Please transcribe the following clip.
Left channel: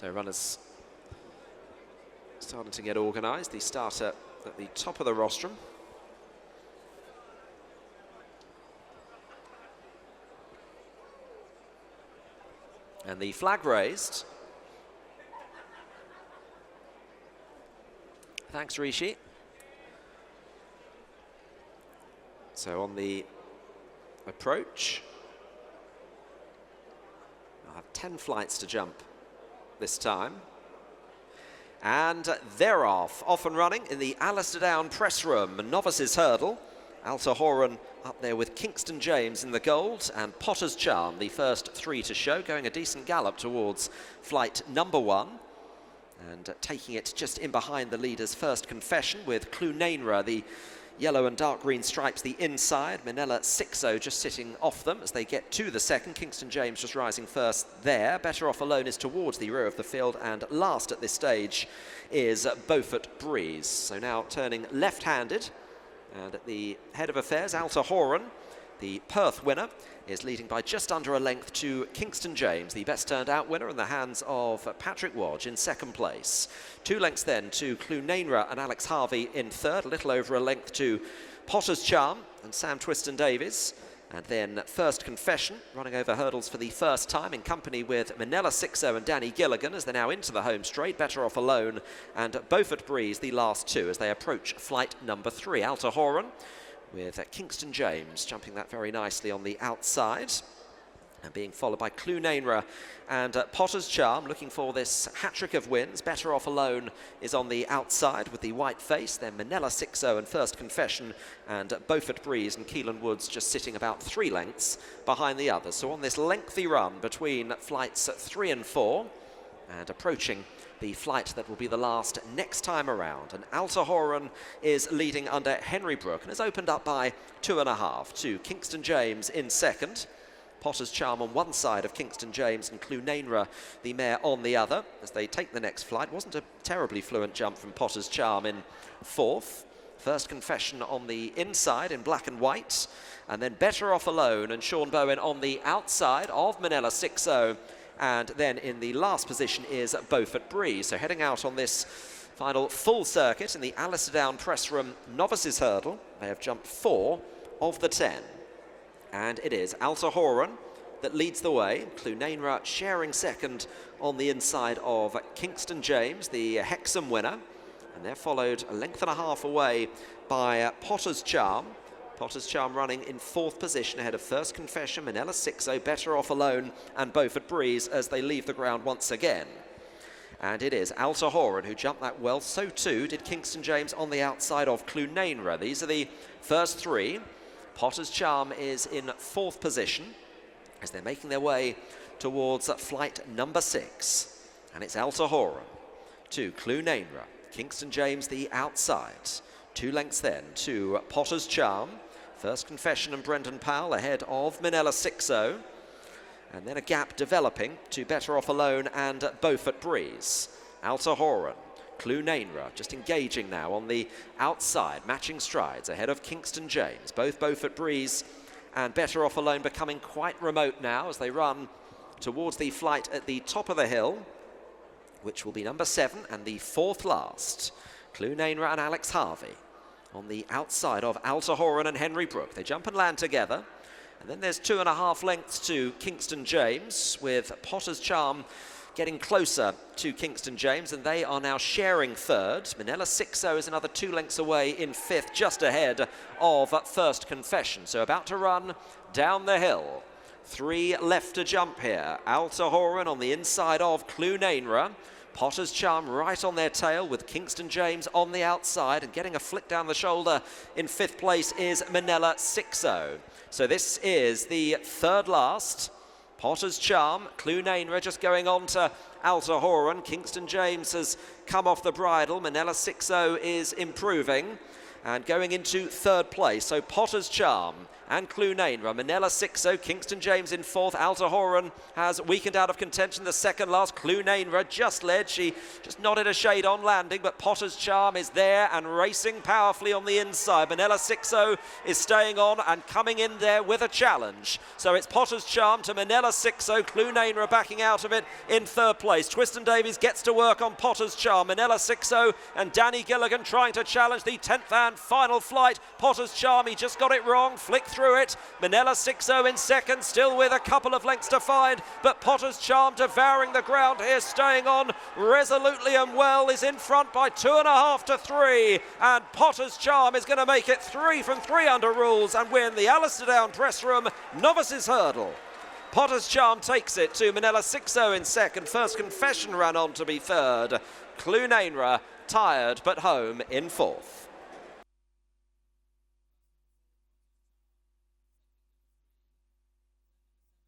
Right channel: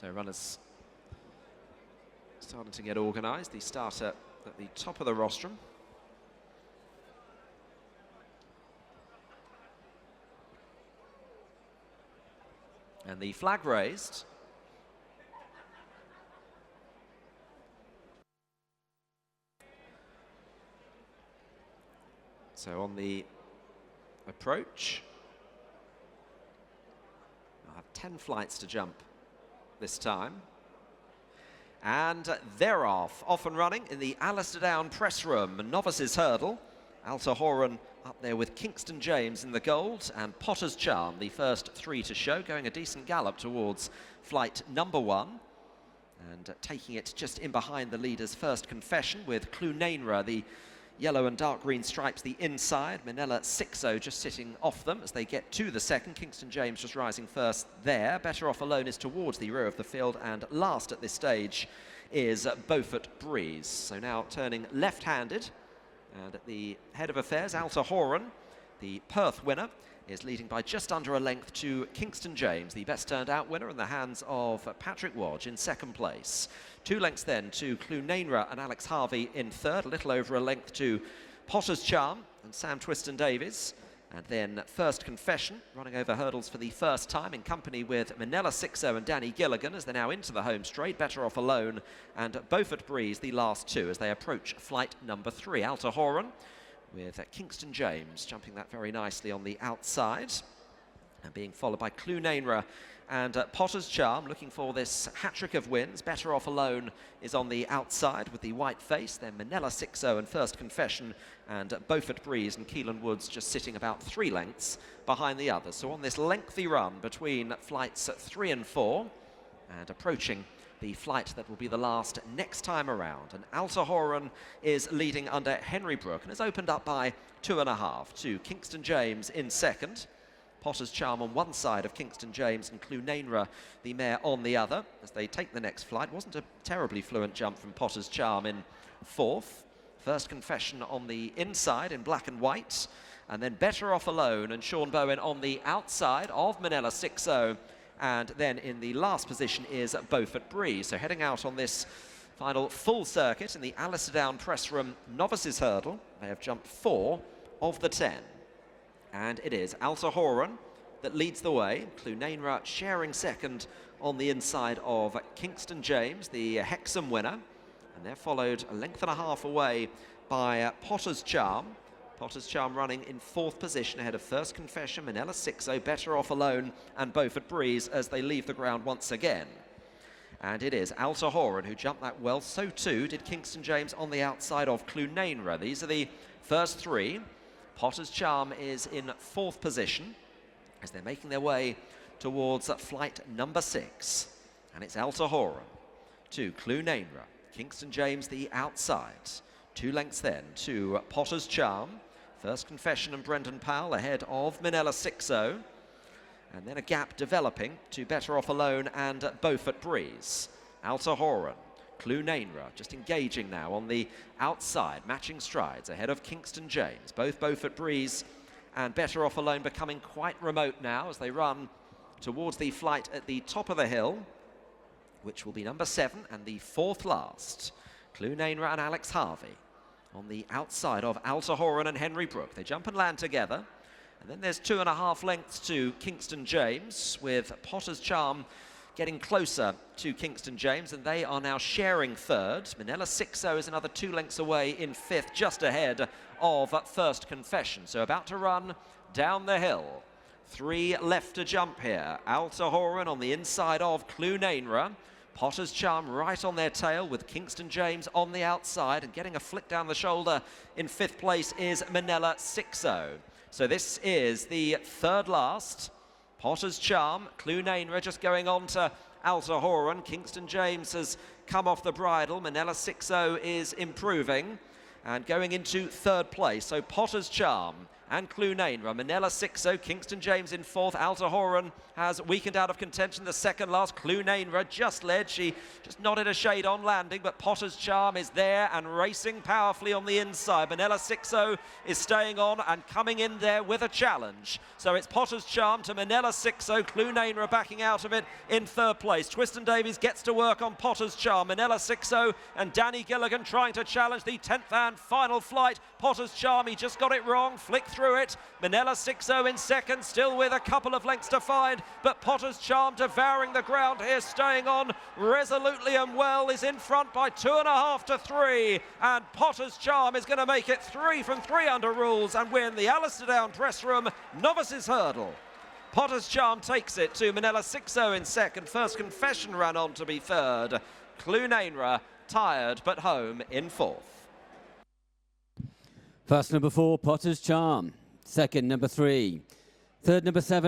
So runners starting to get organised. The starter at the top of the rostrum. And the flag raised. Thanks, Rishi. So on the approach, I'll have 10 flights to jump this time. And they're off and running in the Alistair Down press room. Novices hurdle. Alta Horan up there with Kingston James in the gold, and Potter's Charm, the first three to show, going a decent gallop towards flight number 1. And taking it just in behind the leader's First Confession, with Clunainra, the yellow and dark green stripes, the inside. Minella 6-0 just sitting off them as they get to the second. Kingston James just rising first there. Better Off Alone is towards the rear of the field, and last at this stage is Beaufort Breeze. So now turning left-handed, and at the head of affairs, Alta Horan, the Perth winner, is leading by just under a length to Kingston James, the best turned out winner, in the hands of Patrick Wodge in second place. 2 lengths then to Clunainra and Alex Harvey in third, a little over a length to Potter's Charm and Sam Twiston-Davies. And then First Confession, running over hurdles for the first time in company with Minella 6-0 and Danny Gilligan as they're now into the home straight. Better Off Alone and Beaufort Breeze, the last two, as they approach flight number 3. Alta Horan with Kingston James jumping that very nicely on the outside, and being followed by Clunainra and Potter's Charm, looking for this hat-trick of wins. Better Off Alone is on the outside with the white face, then Minella 6-0 and First Confession, and Beaufort Breeze and Keelan Woods just sitting about 3 lengths behind the others. So on this lengthy run between flights 3 and 4, and approaching the flight that will be the last next time around. And Alta Horan is leading under Henry Brook and has opened up by 2.5 to Kingston James in second. Potter's Charm on one side of Kingston James and Clunainra, the mare, on the other as they take the next flight. Wasn't a terribly fluent jump from Potter's Charm in fourth. First Confession on the inside in black and white, and then Better Off Alone and Sean Bowen on the outside of Minella 6-0. And then in the last position is Beaufort Breeze. So heading out on this final full circuit in the Alistair Down press room novices hurdle, they have jumped 4 of the 10. And it is Alta Horan that leads the way. Clunainra sharing second on the inside of Kingston James, the Hexham winner. And they're followed a length and a half away by Potter's Charm. Potter's Charm running in 4th position ahead of First Confession, Minella 6-0, Better Off Alone and Beaufort Breeze as they leave the ground once again. And it is Alta Horan who jumped that well. So too did Kingston James on the outside of Clunainra. These are the first 3. Potter's Charm is in 4th position as they're making their way towards flight number 6. And it's Alta Horan to Clunainra. Kingston James the outside. 2 lengths then to Potter's Charm. First Confession and Brendan Powell ahead of Minella 6-0. And then a gap developing to Better Off Alone and Beaufort Breeze. Alta Horan, Clunainra just engaging now on the outside, matching strides ahead of Kingston James. Both Beaufort Breeze and Better Off Alone becoming quite remote now as they run towards the flight at the top of the hill, which will be number 7 and the 4th last. Clunainra and Alex Harvey on the outside of Alta Horan and Henry Brook. They jump and land together. And then there's 2.5 lengths to Kingston James, with Potter's Charm getting closer to Kingston James, and they are now sharing third. Minella 6-0 is another 2 lengths away in 5th, just ahead of First Confession. So about to run down the hill. 3 left to jump here. Alta Horan on the inside of Clunainra. Potter's Charm right on their tail with Kingston James on the outside, and getting a flick down the shoulder in 5th place is Minella 6-0. So this is the 3rd last. Potter's Charm, Clunainra just going on to Alta Horan. Kingston James has come off the bridle. Minella 6-0 is improving and going into 3rd place. So Potter's Charm and Clunainra. Manila 6-0, Kingston James in fourth. Altahoran has weakened out of contention, the second last. Clunainra just led. She just nodded a shade on landing, but Potter's Charm is there and racing powerfully on the inside. Manila 6-0 is staying on and coming in there with a challenge. So it's Potter's Charm to Manila 6-0. Clunainra backing out of it in third place. Twiston-Davies gets to work on Potter's Charm. Manila 6-0 and Danny Gilligan trying to challenge the 10th and final flight. Potter's Charm, he just got it wrong, flicked through it. Manila 6-0 in second, still with a couple of lengths to find, but Potter's Charm devouring the ground here, staying on resolutely and well, is in front by 2.5 to 3, and Potter's Charm is going to make it 3 from 3 under rules and win the Alistair Down Press Room Novices Hurdle. Potter's Charm takes it to Manila 6-0 in second. First Confession ran on to be third. Clunainra tired but home in fourth. First number 4, Potter's Charm. Second, number 3. Third, number 7.